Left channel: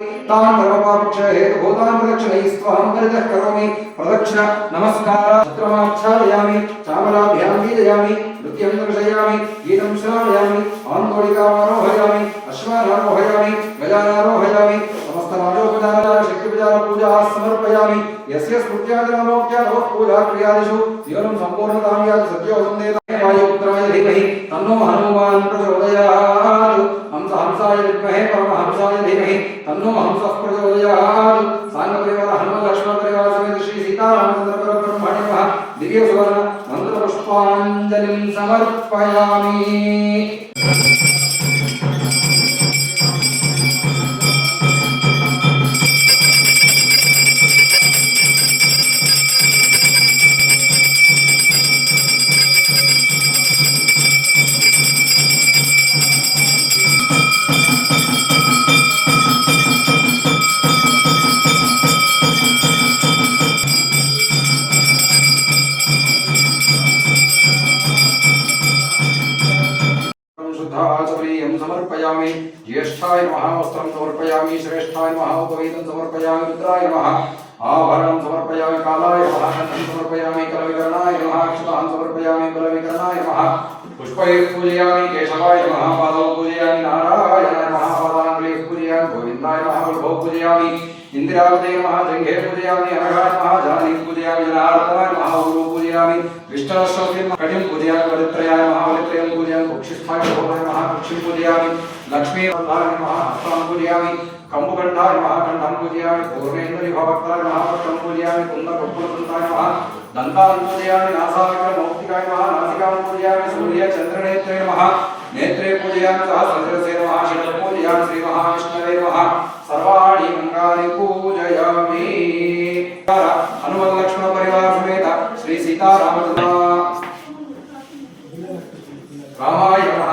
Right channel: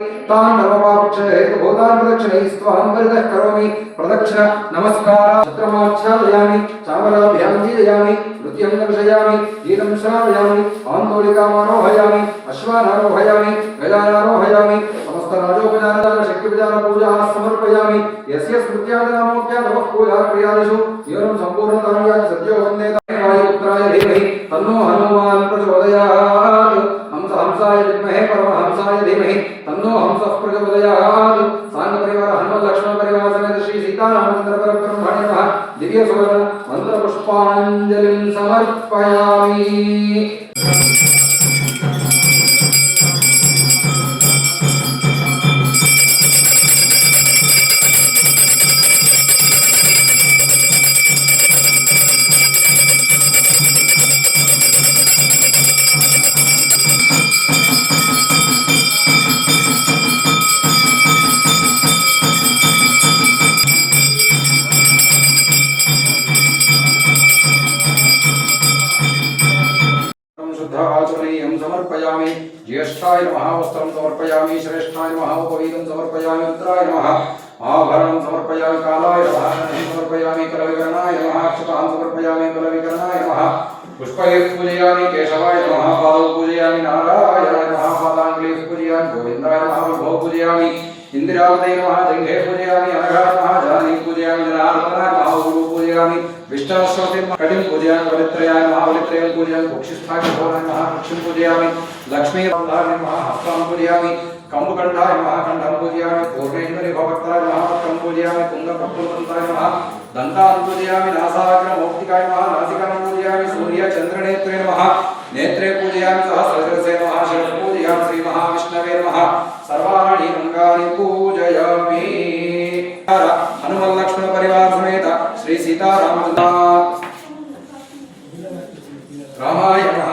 तान् धर्मपापक्षय हेतुभूतान् प्रदक्षिणैस्त्वां परितः करोमि प्रदक्षिण नमस्कार छत्रमाच्छादयामि चामराभ्यां गीजयामि नृत्यं दर्शयामि गीतं श्रावयामि आन्दोलिकामारोहयामि अश्वानारोहयामि गजानारोहयामि समस्तराजोपचार शक्तिविचार पूजा समर्पयामि यस्य स्मृत्यादिनामोक्त्यादवः पूजा क्रियादिषु जीवनं सम्पूर्णतां याति सद्यो वन्देताय वायुपुत्राय धीमहि तन्नो हनुमान् प्रचोदयात् हंसाय विद्महे परमहंसाय धीमहि तन्नो हंसः प्रचोदयात् सांग परिवार हनुमत लक्ष्मण परिवार समेत श्री सीतारामचंद्र परब्रह्मणे नमः दिव्य सुवर्ण मंत्र पुष्पांजलिं समर्पयामि। आचमनीयं समर्पयामि ज्येष्ठाय नमः वस्त्रं समर्पयामि श्रेष्ठाय नमः उपवीतं समर्पयामि रुद्राय नमः आभरणं समर्पयामि कालाय नमः धनं समर्पयामि कलविकरणाय नमः अक्षतान् समर्पयामि बलविकरणाय नमः पुष्पैः पूजयामि केशवाय नमः पादौ पूजयामि नारायणाय नमः पादाङ्गुलीः पूजयामि गोविन्दाय नमः वल्भौ पूजयामि इंद्रावते नमः जंघे पूजयामि अनघाय नमः जानी पूजयामि जनार्दनाय नमः गुरु पूजयामि विष्णुस्वती कटिं पूजयामि वलित्रयाय नमः वलित्रयं पूजयामि कुक्षिस्थाय नमः कुक्षिं पूजयामि लक्ष्मी वल्लाय नमः हस्तां पूजयामि कंबुकण्ठाय नमः कण्ठं पूजयामि पूर्णेन्द्रि भवक्ताय नमः वक्त्रं पूजयामि कुङ्गपुत्रदन्ताय नमः दन्तान् पूजयामि नासाग्रमौक्तिकाय नमः नासिकां पूजयामि सूर्यचन्द्रनेत्रे नमः नेत्रे पूजयामि सहस्रशिरसे नमः शिरः पूजयामि श्रीमहाविष्णवे नमः सर्वाणि अंगानि पूजयामि। हनुमत लक्ष्मण परिवार समेत श्री सीताराम रामाय नमः।